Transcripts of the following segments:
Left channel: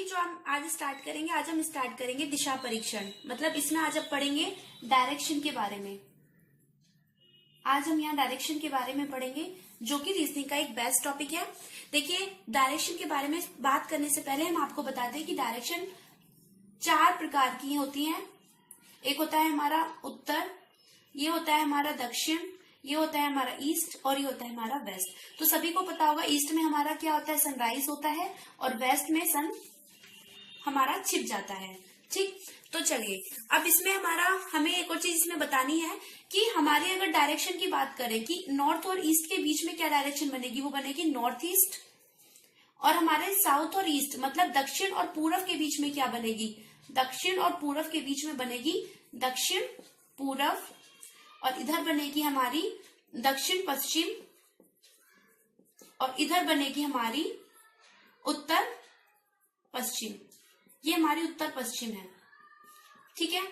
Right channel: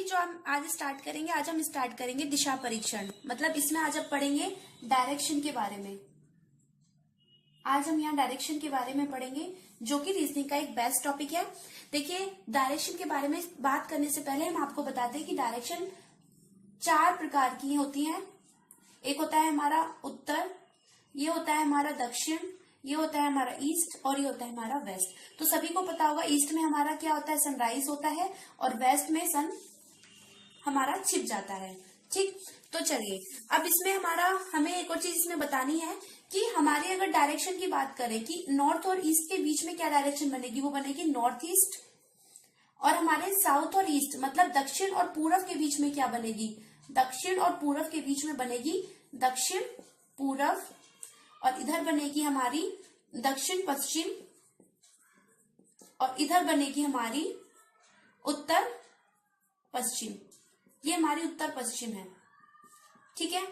अभी जो हम आज स्टार्ट करेंगे, आज हम स्टार्ट करेंगे दिशा परीक्षण। मतलब इसमें आज हम पढ़ेंगे डायरेक्शन के बारे में। आज हम यहाँ डायरेक्शन के बारे में पढ़ेंगे, जो कि रीजनिंग का एक बेस्ट टॉपिक है। देखिए, डायरेक्शन के बारे में बात करने से पहले हम आपको बताते हैं कि डायरेक्शन 4 प्रकार की होती हैं। एक होता है हमारा उत्तर, ये होता है हमारा दक्षिण, ये होता है हमारा ईस्ट और ये होता है हमारा वेस्ट। तो सभी को पता होगा ईस्ट में हमारा क्या होता है, सनराइज होता है, और वेस्ट में सन हमारा छिप जाता है। ठीक, तो चलिए अब इसमें हमें एक और चीज इसमें बतानी है कि हमारे अगर डायरेक्शन की बात करें कि नॉर्थ और ईस्ट के बीच में क्या डायरेक्शन बनेगी, वो बनेगी नॉर्थ ईस्ट। और हमारे साउथ और ईस्ट मतलब दक्षिण और पूरब के बीच में क्या बनेगी, दक्षिण और पूरब के बीच में बनेगी दक्षिण पूरब। और इधर बनेगी हमारी दक्षिण पश्चिम, और इधर बनेगी हमारी उत्तर पश्चिम। ये हमारी उत्तर पश्चिम है। ठीक है।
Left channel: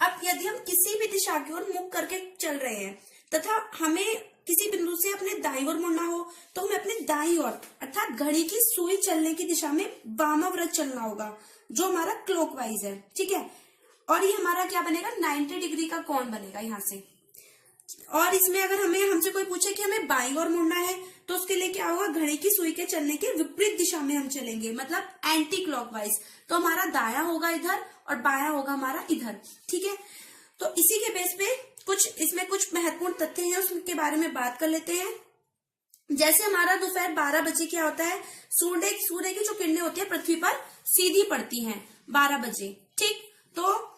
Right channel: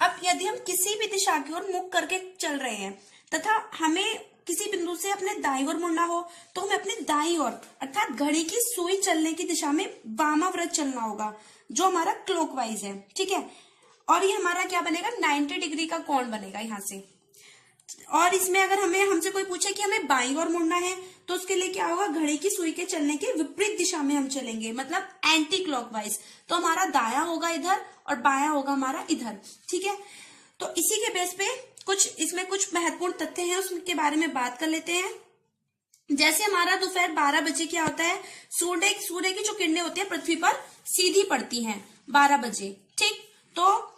अब यदि हम किसी भी दिशा की ओर मुख करके चल रहे हैं तथा हमें किसी बिंदु से अपने दाईं ओर मुड़ना हो, तो हमें अपने दाईं ओर अर्थात घड़ी की सुई चलने की दिशा में वामाव्रत चलना होगा, जो हमारा क्लॉकवाइज है। ठीक है। और ये हमारा क्या बनेगा, 90 डिग्री का कोण बनेगा यहाँ से। और इसमें अगर हमसे कोई पूछे कि हमें बाईं ओर मुड़ना है, तो उसके लिए क्या होगा, घड़ी की सुई के चलने के विपरीत दिशा में हम चलेंगे, मतलब एंटी क्लॉकवाइज। तो हमारा दायां होगा इधर और बायां होगा हमारा इधर। ठीक है। तो इसी के बेस पे इसमें कुछ महत्वपूर्ण तथ्य हैं, उसके बारे में बात कर लेते हैं। जैसे हमारा दोपहर 12 बजे क्या होता है, सूर्य की जो किरणें होती है पृथ्वी पर सीधी पड़ती हैं 12 बजे। ठीक, तो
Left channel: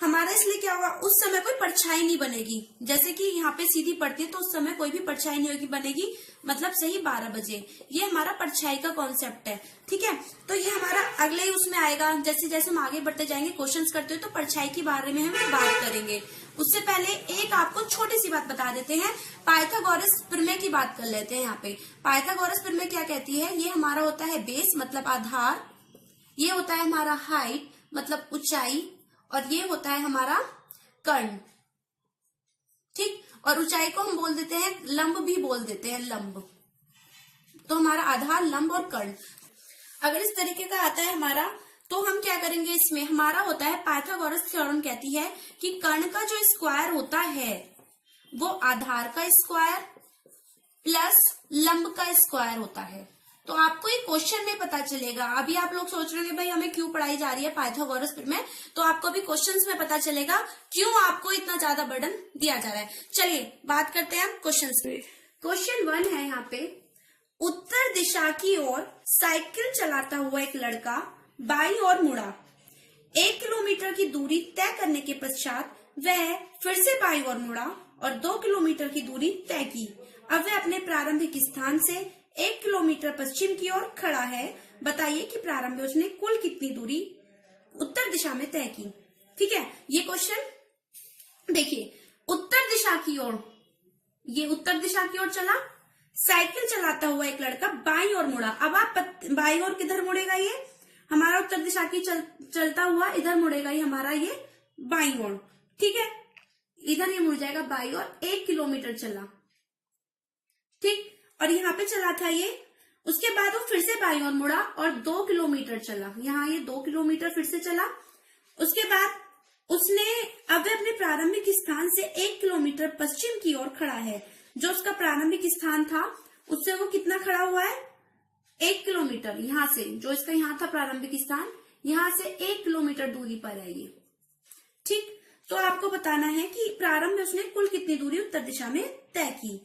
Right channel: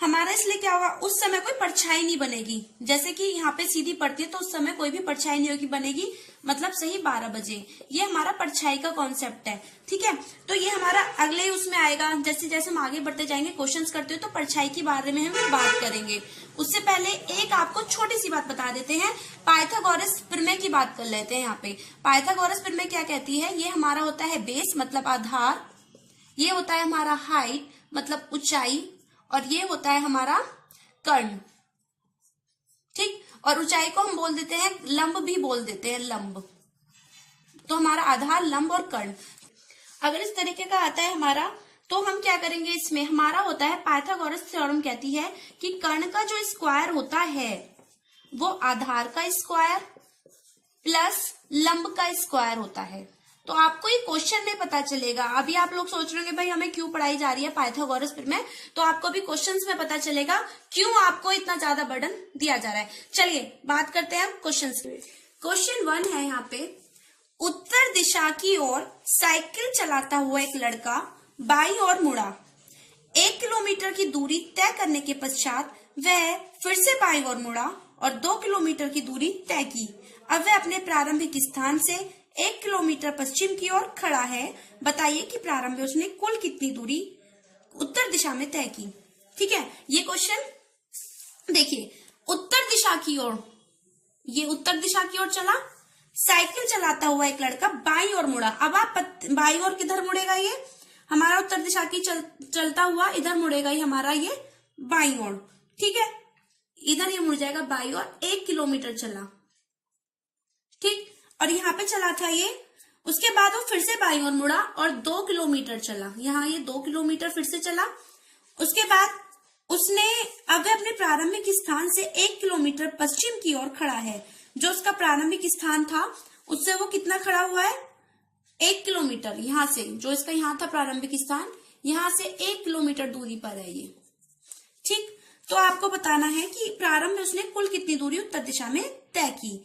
हमारा इसलिए क्या होगा, उस समय कोई परछाई नहीं बनेगी। जैसे कि यहाँ पे सीधी पड़ती है तो उस समय कोई भी परछाई नहीं होगी बनेगी, मतलब सही 12 बजे। ये हमारा परछाई का कॉन्सेप्ट है। ठीक है। तो ये हमारा अगले उसमें आएगा, जैसे जैसे हम आगे बढ़ते जाएंगे, क्वेश्चंस करते हुए, तो परछाई के बारे में हम बात करेंगे। उससे पहले एक आपको छोटी सी बात बता देते हैं, पाइथागोरस प्रमेय की बात कर लेते हैं। यहाँ पे पाइथागोरस प्रमेय क्या कहती है, ये हमारा होता है बेस मतलब आधार, ये होता है हमारा हाइट मतलब ऊंचाई, और ये होता है हमारा कर्ण। ठीक, और ऊंचाई को हम बोल देते हैं लंब, भी बोल देते हैं लंब। तो हमारा आधार, लंब और कर्ण अगर इस तरीके का आता है हमारा, तो हम क्या करेंगे, इसमें हमारा होता है पाइथागोरस थ्योरम कहती है कि कर्ण का जो स्क्वायर होता है वो आधार का स्क्वायर प्लस लंब का स्क्वायर होता है। तो आपको ये क्वेश्चन में पता चलेगा। अभी आप लोग सोच रहे होंगे भाई हमें क्यों पढ़ाई जा रही है पाइथागोरस प्रमेय, तो आपको भी क्वेश्चंस में पता चलेगा क्यों आपको इतना ज्यादा बर्डन दिया जा रहा है। चलिए बात करते हैं क्वेश्चंस पे। क्वेश्चन 1 है यहाँ पे, उत्तर दिशा की ओर साइकिल चलाता हुआ एक लड़का बाईं ओर मुड़ा। 1 किलोमीटर की दूरी तय करने के पश्चात वह फिर से बाईं ओर मुड़ा और 2 किलोमीटर की दूरी तय की। अब वह अपने प्रारंभिक स्थान से 1 किलोमीटर पश्चिम की ओर खड़ा है। बताइए कि प्रारंभ में उसने कुल कितनी दूरी उत्तर दिशा में तय की। ठीक है। ये क्वेश्चन देखिए, उत्तर दिशा की ओर, ये उत्तर दिशा की ओर चला, साइकिल चलाता हुआ एक लड़का बाईं ओर मुड़ा। अब आप बाईं ओर किधर मुड़ेगा, ये हमारा उत्तर दिशा की चलता हुआ इधर मुड़ेगा, ये हमारा ये बाईं ओर। ठीक है, इधर ये मुड़ जाएगा बाईं ओर। 1 किलोमीटर चला। ठीक, और यहाँ पे चला था ये, उसके बाद वो फिर से बाईं ओर मुड़ा और 2 किलोमीटर चला। यहाँ ये 2 किलोमीटर फिर से चला। उसके बाद उसने अब अपने प्रारंभिक स्थान से 1 किलोमीटर पश्चिम की ओर खड़ा है। जो उसका प्रारंभिक स्थान था उससे वो कितना खड़ा हुआ है, 1 किलोमीटर। यहाँ से जो इसका यहाँ था प्रारंभिक स्थान, यहाँ से 1 किलोमीटर दूरी पर है ये। ठीक, तो आपको बताना है कि प्रारंभ में उसने कुल कितनी दूरी उत्तर दिशा में तय की।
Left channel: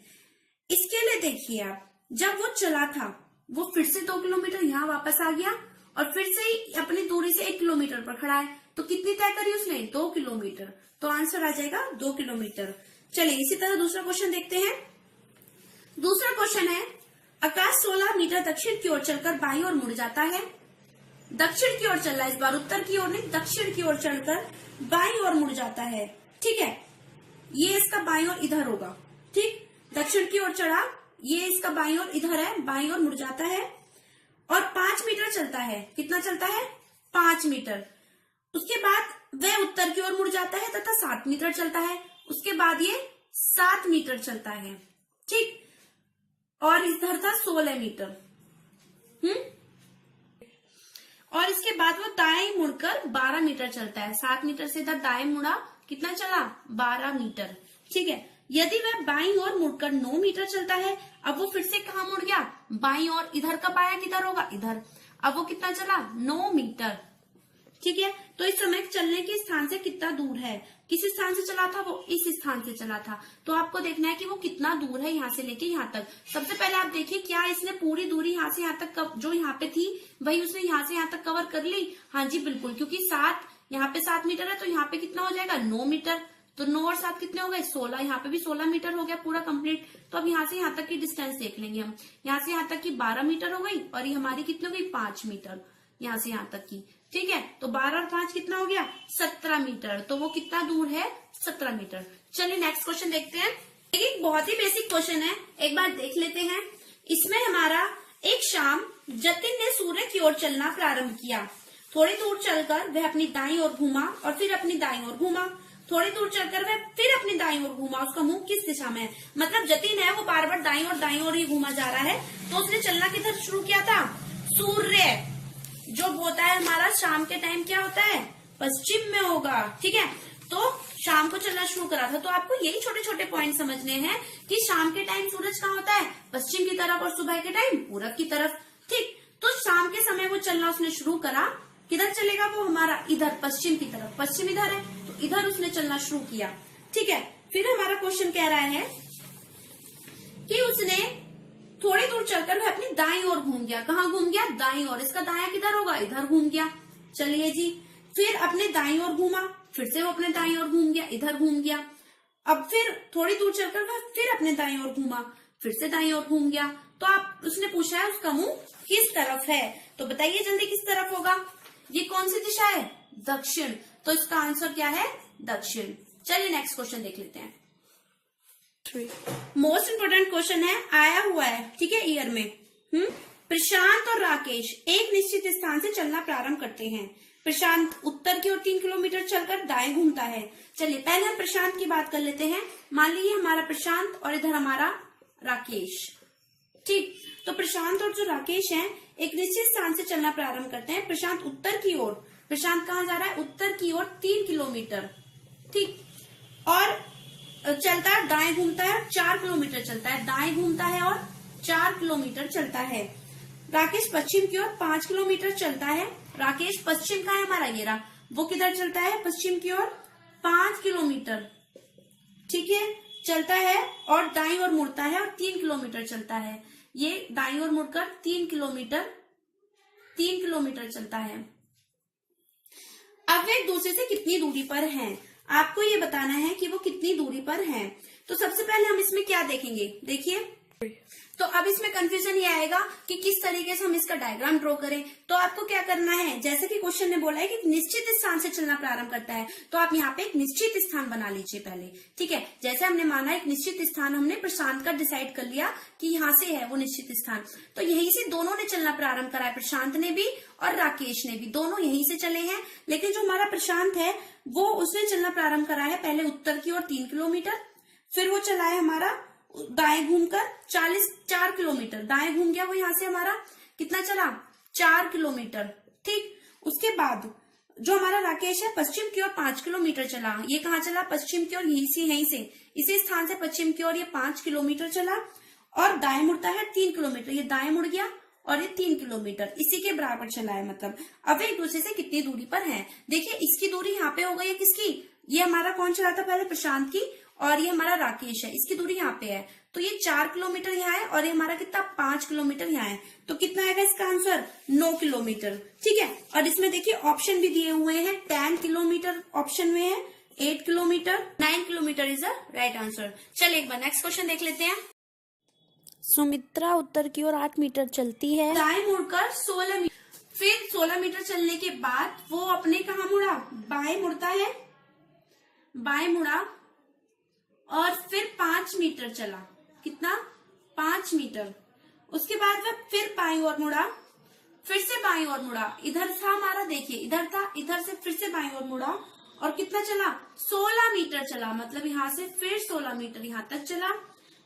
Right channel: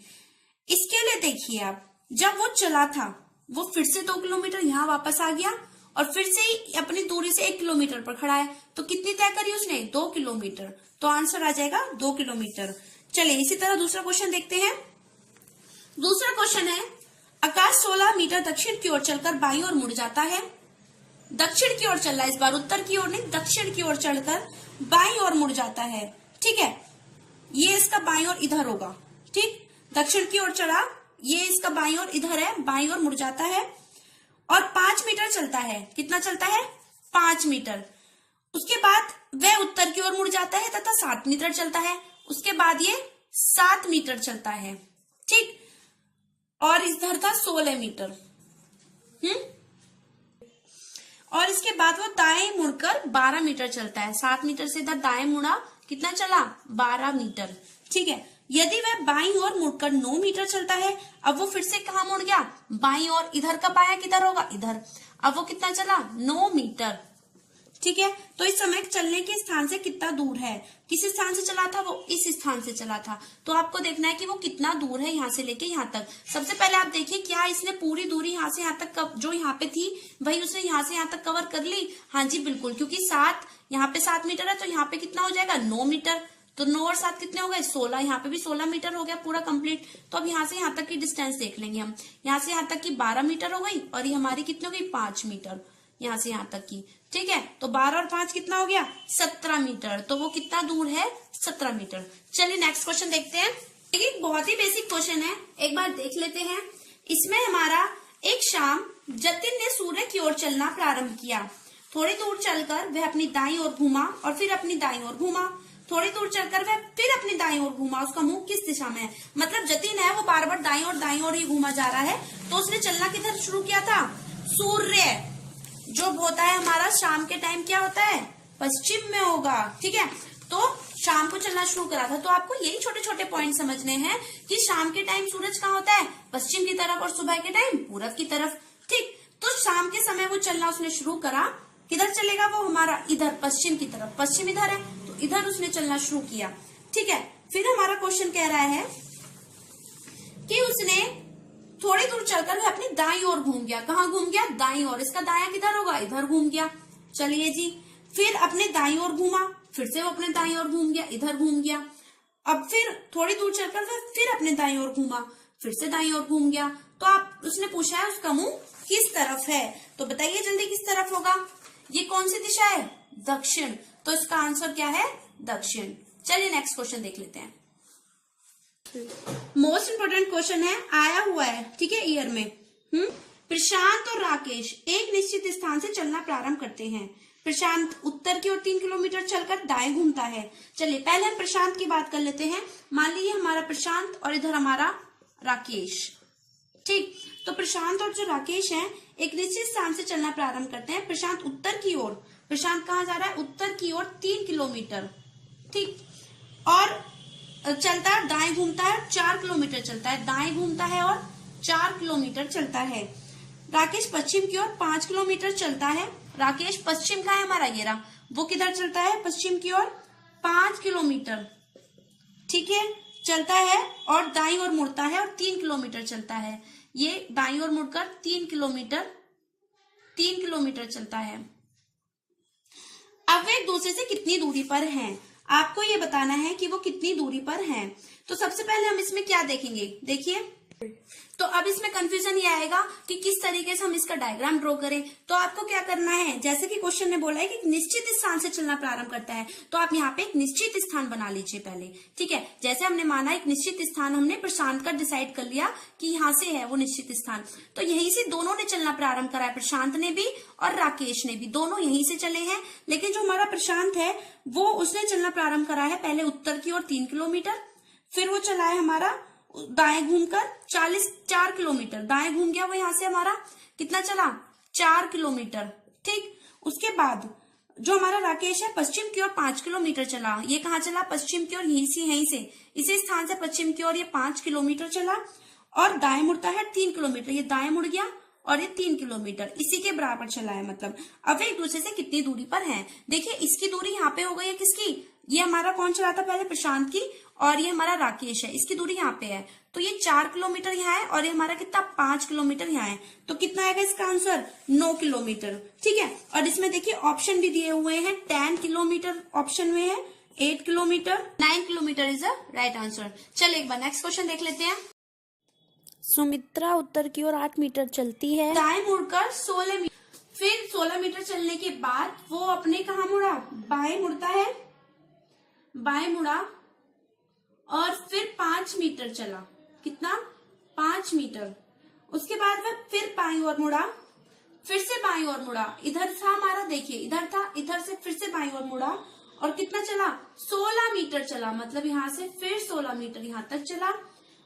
इसके लिए देखिए, आप जब वो चला था वो फिर से 2 किलोमीटर यहाँ वापस आ गया और फिर से ही अपनी दूरी से 1 किलोमीटर पर खड़ा है। तो कितनी तय करी उसने, 2 किलोमीटर। तो आंसर आ जाएगा 2 किलोमीटर। चलिए इसी तरह दूसरा क्वेश्चन देखते हैं। दूसरा क्वेश्चन है, आकाश 16 मीटर दक्षिण की ओर चलकर बाईं ओर मुड़ जाता है। दक्षिण की ओर चल रहा है, इस बार उत्तर की ओर नहीं, दक्षिण की ओर चलकर बाईं ओर मुड़ जाता है। ठीक है, ये इसका बाईं ओर इधर होगा। ठीक, दक्षिण की ओर चढ़ा, ये इसका बाईं ओर इधर है, बाईं ओर मुड़ जाता है और 5 मीटर चलता है। कितना चलता है, 5 मीटर। उसके बाद वह उत्तर की ओर मुड़ जाता है तथा 7 मीटर चलता है। उसके बाद ये 7 मीटर चलता है। ठीक, और इधर था 16 मीटर। बाद वो दाएं मुड़कर 12 मीटर चलता है। 7 मीटर से इधर दाएं मुड़ा, कितना चला? 12 मीटर। ठीक है, यदि वह बाईं ओर मुड़कर 9 मीटर चलता है, अब वो फिर से कहाँ मुड़ गया? बाईं ओर। इधर का बायां किधर होगा? इधर। अब वो कितना चला? 9 मीटर। ठीक है, तो इस समय चलने के स्थान से कितना दूर है? किस स्थान से चला था? वो इस स्थान से चला था। तो आपको देखना है कि वो कितना दूर है यहाँ से लेके यहाँ तक। सबसे पहले आप देखिए, क्या इसने पूरी दूरी यहाँ से यहाँ तक जो यहाँ पे थी वही उसने यहाँ से यहाँ तक कवर कर ली? हाँ जी बिल्कुल, क्योंकि 7 यहाँ पे 7 मीटर है, तो यहाँ पे कितना हो जाएगा? 9 मीटर। तो 9 और 7 कितने हो गए? 16। यहाँ पे भी 16 मीटर हो गया पूरा कंप्लीट। तो अब यहाँ से यहाँ तक की डिस्टेंस देख लेंगे हम। यहाँ से यहाँ तक की 12 मीटर हो गई, और ये हमारी कितनी हो गई? 5 मीटर यहाँ से यहाँ तक की। ठीक है, तो 12 और 5 कितना हो गया? 17 मीटर। तो वो कितना दूर है? 17 मीटर। चलिए नेक्स्ट क्वेश्चन देखते हैं। एक बहुत ही बेसिक क्वेश्चन है, एक बार देख लेते हैं। इसमें हमारा एक शाम जतिन ने सूर्य की ओर चलना प्रारंभ किया। थोड़ी दूर चलकर वह अपनी दाईं ओर घूमा और फिर अपनी दाईं ओर घूमा। थोड़ी दूर चलकर वह फिर अपनी दाईं ओर घूमा। उसका मुंह किस दिशा में है? मतलब जतिन है वो बार बार दाईं ओर ही घूमा जा रहा है। तो उसने चलना किधर शुरू किया था? सूर्य जो होता है हमारा शाम के टाइम क्या होता है? पश्चिम में होगा। ठीक है, तो शाम को चलना शुरू करा था। तो आपको यही छोटे छोटे पॉइंट समझने हैं कि शाम के टाइम सूरज कहाँ होता है? पश्चिम की तरफ, और सुबह के टाइम पूरब की तरफ। ठीक, तो शाम के समय वो चलना उसने शुरू करा। किधर चलेगा वो? हमारा इधर पश्चिम की तरफ। पश्चिम इधर है, तो इधर उसने चलना शुरू किया। ठीक है, फिर हमारा क्वेश्चन कह रहा है कि उसने थोड़ी दूर चलकर वह अपनी दाईं ओर घूम गया। कहाँ घूम गया? दाईं ओर। इसका दायां किधर होगा? इधर घूम गया। चलिए जी, फिर अपने दाईं ओर घूमा, फिर से वो अपने दाईं ओर घूम गया, इधर घूम गया। अब फिर थोड़ी दूर चलकर वह फिर अपने दाईं ओर घूमा, फिर से दाईं ओर घूम गया। तो आप उसने पूछा है उसका मुंह किस तरफ है? तो बताइए जल्दी किस तरफ होगा? ये कौन सी दिशा है? दक्षिण। तो इसका आंसर क्या है? दक्षिण। चलिए नेक्स्ट क्वेश्चन देख लेते हैं। मोस्ट इंपोर्टेंट क्वेश्चन है, आया हुआ है, ठीक है, ईयर में। प्रशांत और राकेश एक निश्चित स्थान से चलना प्रारंभ करते हैं। प्रशांत उत्तर की ओर 3 किलोमीटर चलकर दाएं घूमता है। चलिए पहले हम प्रशांत की बात कर लेते हैं। मान लीजिए हमारा प्रशांत और इधर हमारा राकेश। ठीक, तो प्रशांत और जो राकेश हैं एक निश्चित स्थान से चलना प्रारंभ करते हैं। प्रशांत उत्तर की ओर, प्रशांत कहाँ जा रहा है? उत्तर की ओर 3 किलोमीटर। ठीक, और चलता है, दाएं घूमता है और 4 किलोमीटर चलता है। दाएं घूमता है और 4 किलोमीटर चलता है। राकेश पश्चिम की ओर 5 किलोमीटर चलता है। राकेश पश्चिम का है हमारा, ये रहा। वो किधर चलता है? पश्चिम की ओर 5 किलोमीटर। ठीक है, चलता है और दाईं ओर मुड़ता है और 3 किलोमीटर चलता है। ये दाईं ओर मुड़कर 3 किलोमीटर चलता है। अब वे एक दूसरे से कितनी दूरी पर हैं? आपको ये बताना है कि वो कितनी दूरी पर हैं। तो सबसे पहले हम इसमें क्या देखेंगे? देखिए, तो अब इसमें कंफ्यूजन ये आएगा कि किस तरीके से हम इसका डायग्राम ड्रॉ करें। तो आपको क्या करना है, जैसे कि क्वेश्चन ने बोला है कि निश्चित स्थान से चलना प्रारंभ करता है, तो आप यहाँ पे एक निश्चित स्थान बना लीजिए पहले। ठीक है, जैसे हमने माना एक निश्चित स्थान हमने प्रशांत का डिसाइड कर लिया कि यहाँ से है वो निश्चित स्थान, तो यहीं से दोनों ने चलना प्रारंभ करा है। प्रशांत ने भी और राकेश ने भी, दोनों यहीं से चले हैं। लेकिन जो हमारा प्रशांत है वो उसने चलना प्रारंभ करा है पहले उत्तर की ओर 3 किलोमीटर, फिर वो चला है हमारा दाएं घूमकर 4 किलोमीटर। दाएं घूम गया वो, यहाँ से हमारा कितना चला? 4 किलोमीटर। ठीक, उसके बाद जो हमारा राकेश है पश्चिम की ओर 5 किलोमीटर चला। ये कहाँ चला? पश्चिम की ओर, यहीं से इसी स्थान से पश्चिम की ओर ये 5 किलोमीटर चला और दाएं मुड़ता है 3 किलोमीटर। ये दाएं मुड़ गया और ये 3 किलोमीटर इसी के बराबर चला है। मतलब अब एक दूसरे से कितनी दूरी पर है? देखिए, इसकी दूरी यहाँ पे हो गई है किसकी? ये हमारा कौन चला था पहले? प्रशांत की, और ये हमारा राकेश है। इसकी दूरी यहाँ पे है, तो ये 4 किलोमीटर यहाँ है और ये हमारा कितना? 5 किलोमीटर यहाँ है। तो कितना आएगा इसका आंसर? 9 किलोमीटर। ठीक है, और इसमें देखिए ऑप्शन भी दिए हुए हैं। 10 किलोमीटर ऑप्शन में है, 8 kilometre, 9 kilometre is the right answer. चलिए एक बार नेक्स्ट क्वेश्चन देख लेते हैं। सुमित्रा उत्तर की ओर 8 मीटर चलती है। दाएं मुड़कर 16 मीटर, फिर 16 मीटर चलने के बाद वो अपने कहाँ मुड़ा? बाएं मुड़ता है, बाएं मुड़ा और फिर 5 मीटर चला। कितना? 5 मीटर। उसके बाद वह फिर बाईं ओर मुड़ा, फिर से बाईं ओर मुड़ा। इधर था हमारा, देखिए इधर था, इधर से फिर से बाईं ओर मुड़ा और कितना चला? 16 मीटर चला। मतलब यहाँ से फिर 16 मीटर यहाँ तक चला।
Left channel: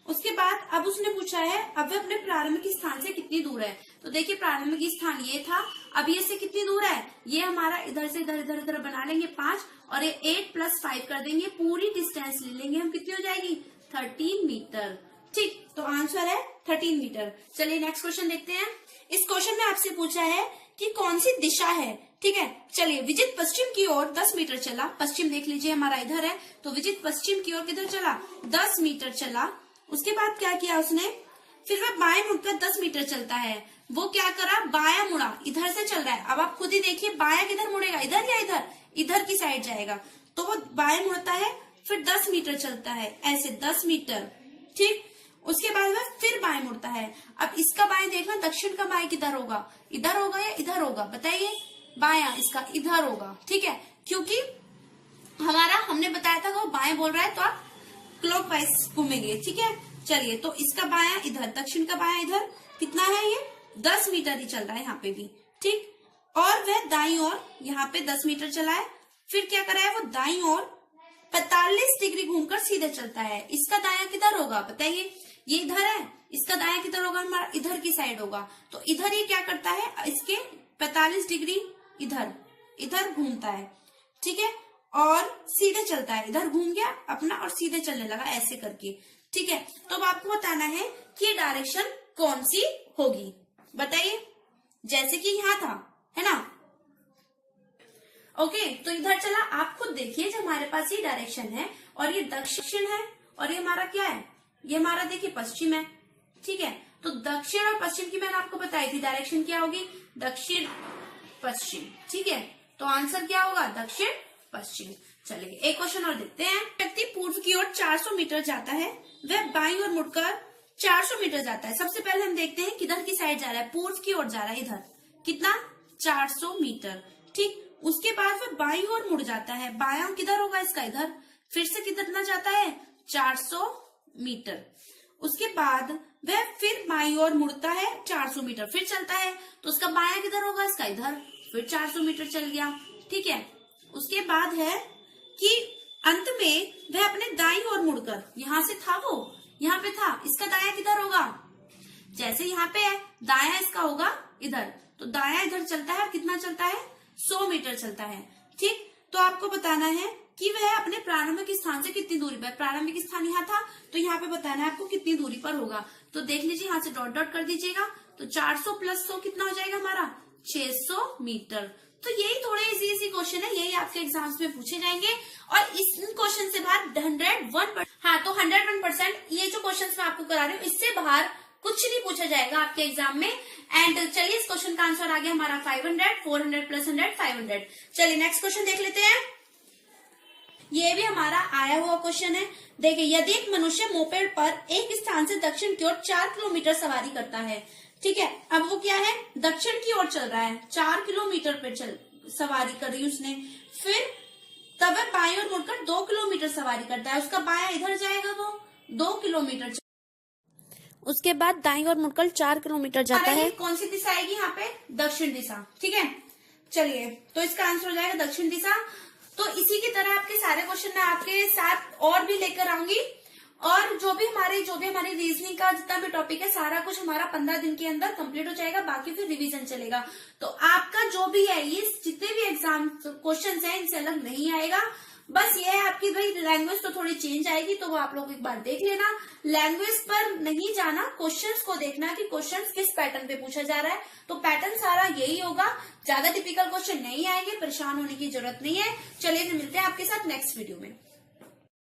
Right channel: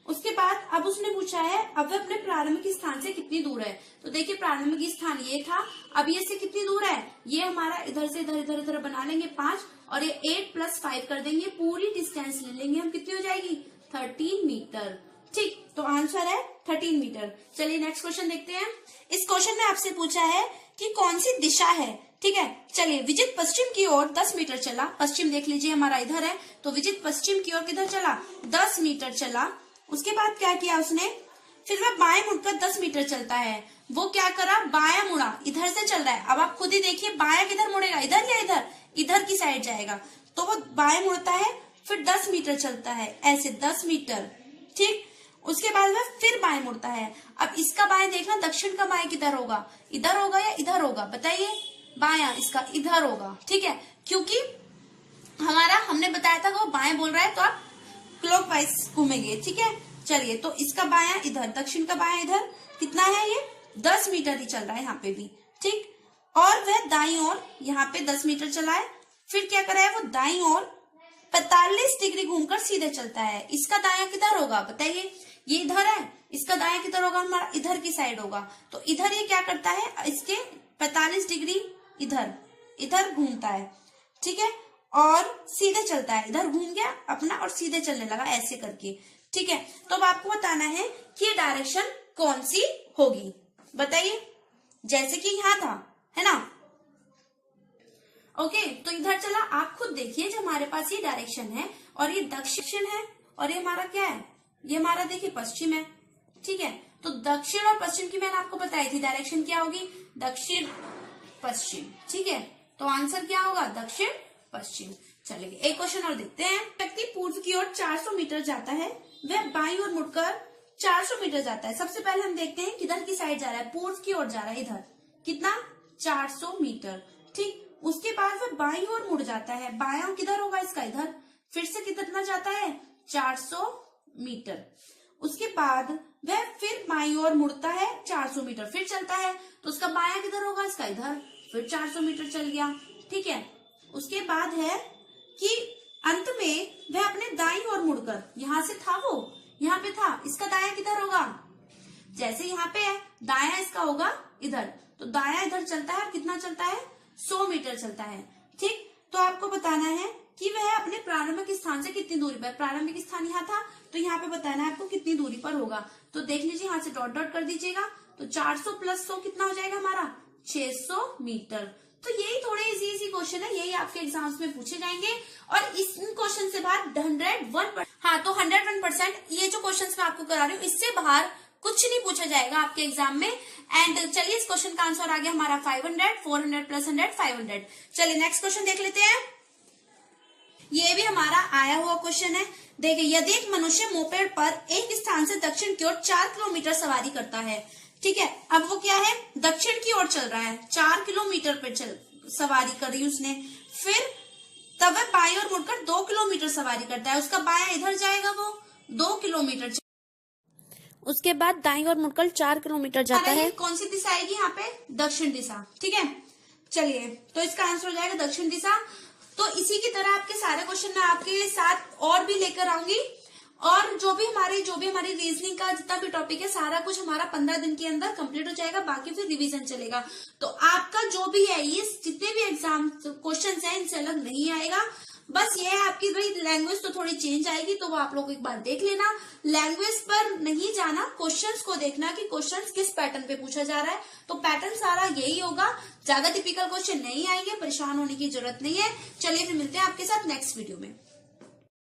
उसके बाद अब उसने पूछा है अब वह अपने प्रारंभिक स्थान से कितनी दूर है। तो देखिए प्रारंभिक स्थान ये था, अब ये से कितनी दूर है, ये हमारा इधर से इधर इधर इधर बना लेंगे 5 और ये 8 + 5 कर देंगे, पूरी डिस्टेंस ले लेंगे हम, कितनी हो जाएगी 13 मीटर। ठीक, तो आंसर है 13 मीटर। चलिए नेक्स्ट क्वेश्चन देखते हैं। इस क्वेश्चन में आपसे पूछा है कि कौन सी दिशा है। ठीक है, चलिए विजित पश्चिम की ओर 10 मीटर चला, पश्चिम देख लीजिए हमारा इधर है, तो विजित पश्चिम की ओर किधर चला 10 मीटर चला। उसके बाद क्या किया उसने, फिर वह बाएं मुड़कर 10 मीटर चलता है। वो क्या करा, बायां मुड़ा, इधर से चल रहा है। अब आप खुद ही देखिए बायां किधर मुड़ेगा, इधर या इधर, इधर की साइड जाएगा। तो वो बाएं मुड़ता है, फिर 10 मीटर चलता है, ऐसे 10 मीटर। ठीक, उसके बाद वह फिर बाएं मुड़ता है। अब इसका बाएं देखना, दक्षिण का बाएं किधर होगा, इधर होगा या इधर होगा, बताइए। बायां इसका इधर होगा। ठीक है, क्योंकि हमारा हमने बताया था कि वो बाएं बोल रहा है तो आप क्लॉकवाइज घूमेंगे। ठीक है, चलिए तो इसका बायां इधर, दक्षिण का बायां इधर, कितना है ये 10 मीटर ही चल रहा है यहाँ पे भी। ठीक, और वह दाईं ओर यहाँ पे 10 मीटर चला है, फिर क्या करा है वो दाईं ओर 45 डिग्री घूमकर सीधे चलता है। इसका दायां किधर होगा बताइए, ये इधर है, इसका दायां किधर होगा, हमारा इधर की साइड होगा। तो इधर ये क्या करता है, इसके 45 डिग्री इधर इधर घूमता है। ठीक है, और सीधे चलता है, इधर घूम गया अपना और सीधे चलने लगा ऐसे करके। ठीक है, तो अब आपको बताना है कि ये डायरेक्शन कौन सी होगी, बताइए। जैसे कि यहाँ था, है ना। ओके, तो इधर चला, आप खुद देखिए जो हमारे पास ये डायरेक्शन है और ये दक्षिण है और ये हमारा क्या है, ये हमारा देखिए पश्चिम है। ठीक है, तो दक्षिण और पश्चिम की मैंने आपको बताई थी डायरेक्शन क्या होगी, दक्षिण पश्चिम। ठीक है, तो आंसर क्या होगा, दक्षिण पश्चिम। चलिए एक क्वेश्चन और देखते हैं। व्यक्ति पूर्व की ओर 400 मीटर जाता है, वह बाईं ओर मुड़कर 400 मीटर जाता है। सबसे पहले हम देखते हैं किधर की साइड जा रहा है, पूर्व की ओर जा रहा है, इधर कितना 400 मीटर। ठीक, उसके बाद वह बाईं ओर मुड़ जाता है, बायां किधर होगा इसका, इधर, फिर से कितना जाता है 400 मीटर। उसके बाद वह फिर बाईं ओर मुड़ता है 400 मीटर, फिर चलता है, तो उसका बायां किधर होगा, इसका इधर, फिर 400 मीटर चल गया। ठीक है, उसके बाद है कि अंत में वह अपने दाईं ओर मुड़कर, यहां से था वो, यहाँ पे था, इसका दायां किधर होगा, जैसे यहाँ पे है दायां इसका होगा इधर, तो दायां इधर चलता है और कितना चलता है 100 मीटर चलता है। ठीक, तो आपको बताना है कि वह अपने प्रारंभिक स्थान से कितनी दूरी पर, प्रारंभिक स्थान यहाँ था तो यहाँ पे बताना है आपको कितनी दूरी पर होगा। तो देख लीजिए यहाँ से डॉट डॉट कर दीजिएगा, तो 400 + 100 कितना हो जाएगा हमारा 600 मीटर। तो यही थोड़े इजी क्वेश्चन है, यही आपके एग्जाम्स में पूछे जाएंगे और इस क्वेश्चन से बाहर 101%, हाँ तो 101% ये जो क्वेश्चन मैं आपको करा रही हूँ इससे बाहर कुछ नहीं पूछा जाएगा आपके एग्जाम में। एंड चलिए इस क्वेश्चन का आंसर आ गया हमारा 500, 400 + 100 500। चलिए नेक्स्ट क्वेश्चन देख लेते हैं। ये भी हमारा आया हुआ क्वेश्चन है। देखिए, यदि एक मनुष्य मोपेड पर एक स्थान से दक्षिण की ओर 4 किलोमीटर सवारी करता है। ठीक है, अब वो क्या है, दक्षिण की ओर चल रहा है, 4 किलोमीटर पे सवारी करी उसने, फिर तब वह बाईं ओर मुड़कर 2 किलोमीटर सवारी करता है, उसका बायां इधर जाएगा, वो 2 किलोमीटर। उसके बाद दाईं ओर मुड़कर 4 किलोमीटर जाता है। कौन सी दिशा आएगी यहाँ पे, दक्षिण दिशा। ठीक है, चलिए तो इसका आंसर हो जाएगा दक्षिण दिशा। तो इसी की तरह आपके सारे क्वेश्चन मैं आपके साथ और भी लेकर आऊंगी, और जो भी हमारी रीजनिंग का जितना भी टॉपिक है सारा कुछ हमारा 15 दिन के अंदर कंप्लीट हो जाएगा, बाकी फिर रिवीजन चलेगा। तो आपका जो भी है ये जितने भी एग्जाम क्वेश्चन है इनसे अलग नहीं आएगा। बस ये है आपकी भाई लैंग्वेज तो थोड़ी चेंज आएगी, तो वो आप लोग एक बार देख लेना। लैंग्वेज पर नहीं जाना, क्वेश्चंस को देखना कि क्वेश्चंस किस पैटर्न पे पूछा जा रहा है, तो पैटर्न सारा यही होगा, ज्यादा टिपिकल क्वेश्चन नहीं आएंगे, परेशान होने की जरूरत नहीं है। चलिए फिर मिलते हैं आपके साथ नेक्स्ट वीडियो में।